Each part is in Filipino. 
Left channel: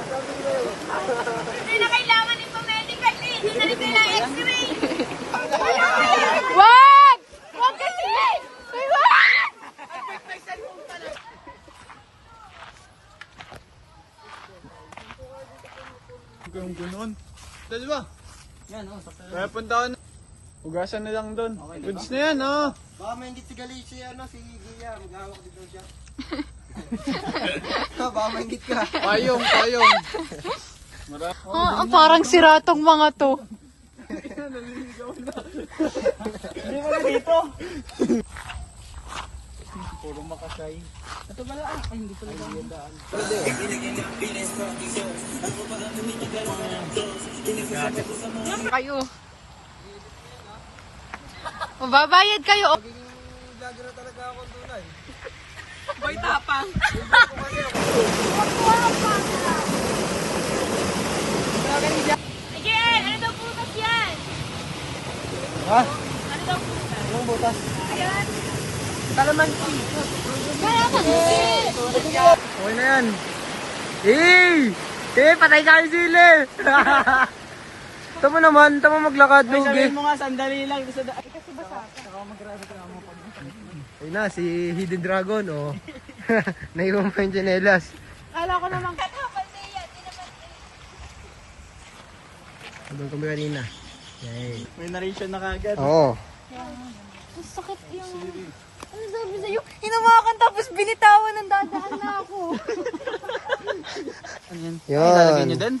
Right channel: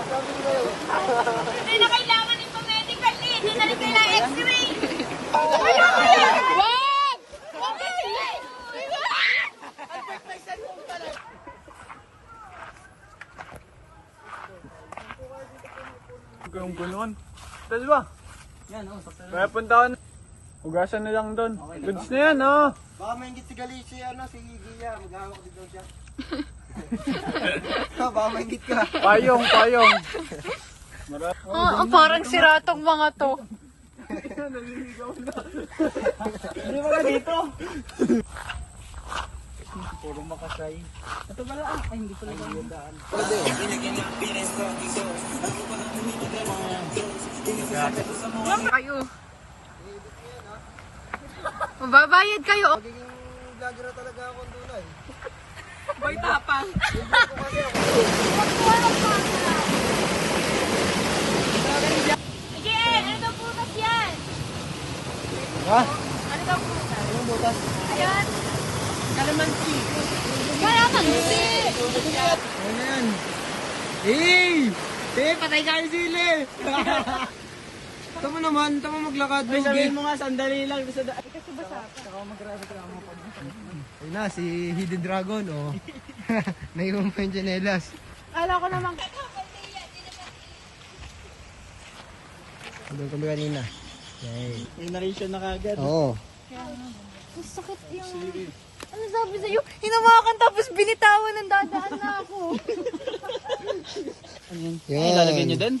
Hindi na kailangan ipamedical eh. Hindi na rin kailangan x-ray. Wag! Wag kasi! Ang bunon. Dali ba? Yan, oh, sakto na. Kaya puntahan. Ugasan na lang doon. Goods na yan, oh. Baka maingit si Gali, si Gia. Maghahawak din daw siya. Baka maingit ka. Payong, payong. Parang sira tong mga to. Hindi mo na dito. Puro makasay. Ito pala, ay hindi pala daan. Kayo. Mababayad kayo. Magiging vlogger na talaga ako ang tunay. Boy tapang. Again, ano daw putas yan? Ha? Ano daw putas? Anong butas? Ayan. Kalamansi. Kaya kasi. Okay na yan. Patay ka yung sili. Tama naman, tama maglakad, Lugi. Sabihin mo nga, sandali lang. Ayun na, si Hidden Dragon, oh. Naiwan pa yung tsinelas. Kala ko naman. Doon kami kanina. Yay. May narration na kagad. Oo. Ang sakit yung... Ano sabi sa'yo? Hinawakan tapos binitawan ng dadaan na ako. Yun. Lalagyan nyo din?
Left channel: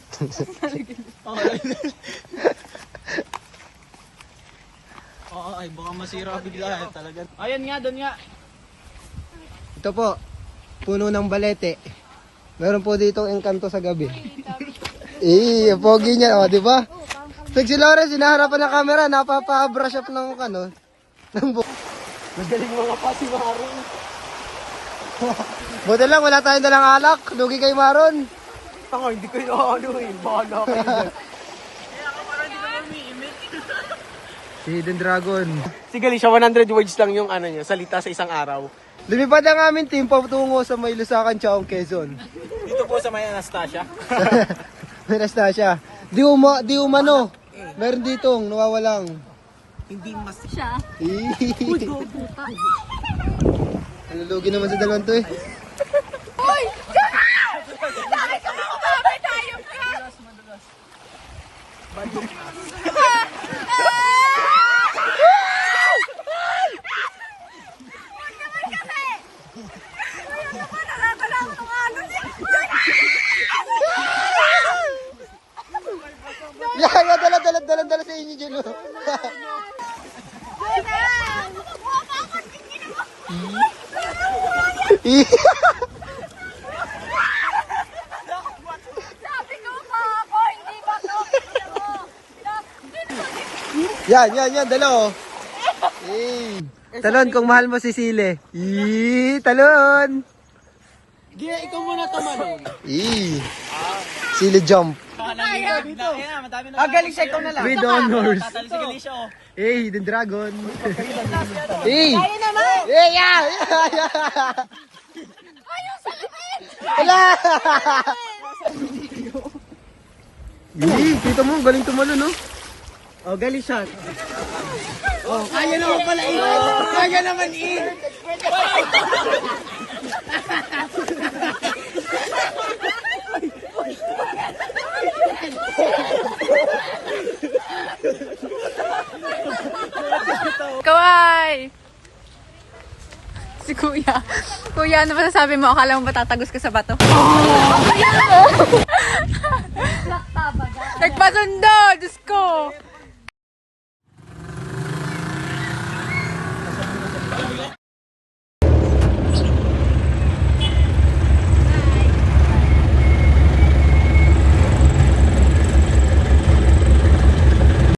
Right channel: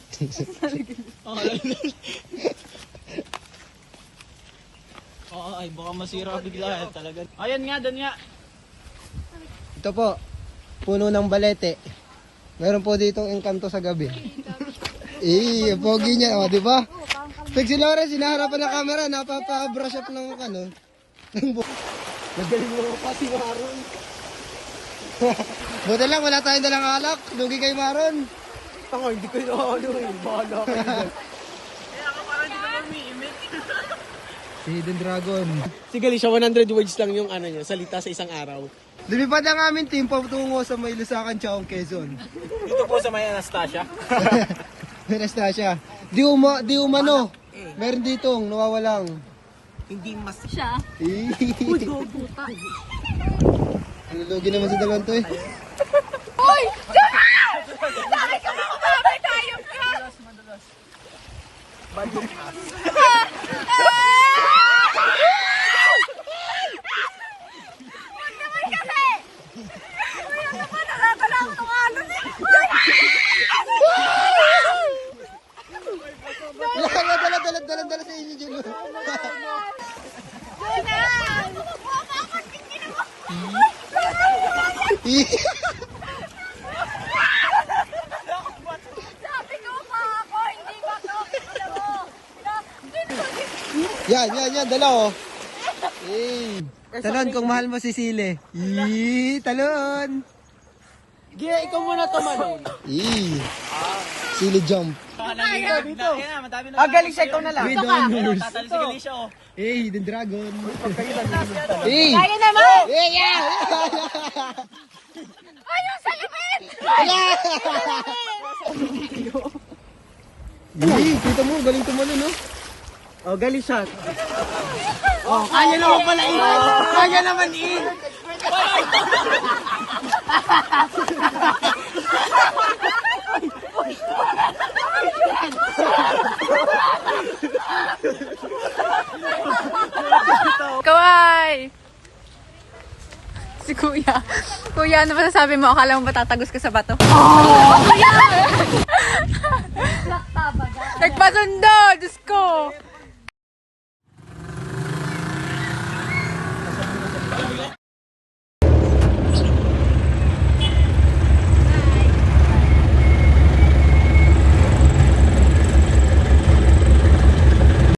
Oo, ay baka masira bigla talaga. Ayan nga, doon nga. Ito po, puno ng balete. Meron po ditong engkanto sa gabi. Pogi niya, oh, di ba? Pag si Lawrence, sinaharapan ng camera, napapa-brush up ng ano, ng buhok. Magaling mo pa si Maron. Buti lang, wala tayong dalang alak. Lugi kay Maron. Tanga, hindi ko yung ano eh. Bahala ka dyan. Si Hidden Dragon. Si Gali, siya 100 words lang yung ano niya, salita sa isang araw. Lumipad ang aming team patungo sa may Lusakan, Chaong, Quezon. Dito po sa may Anastasia. Anastasia. Di umano. Meron ditong nawawalang. Hindi mas... Siya. Ang lugi naman sa dalawang to eh. Uy! Bakit ka makumabay tayo ka? Huwag naman kasi! Uy, ano ba? Nakakalang itong ano niya? Yan, dala sa inyo dyan. Oh. Jonas! Sabi ko pa ako, hindi ba ito? Yan, dala oh. Talon, kung mahal mo si Sile. Talon. Gia, ikaw muna tumalon. Sile jump. Galing siya, ikaw na lang. With honors. Tatalo si Galicia, oh. Hidden Dragon. Kaya naman! Yeah! Ayaw sa lapit! Wala! Kita mo, galing tumalo, no? Oh, galing siya. Oh, kaya naman pala Kaya naman Kawai! Si Kuya. Kuya, ano ba sasabi mo? Akala mo ba tatagos ka sa bato? Nagpasundo! Diyos ko!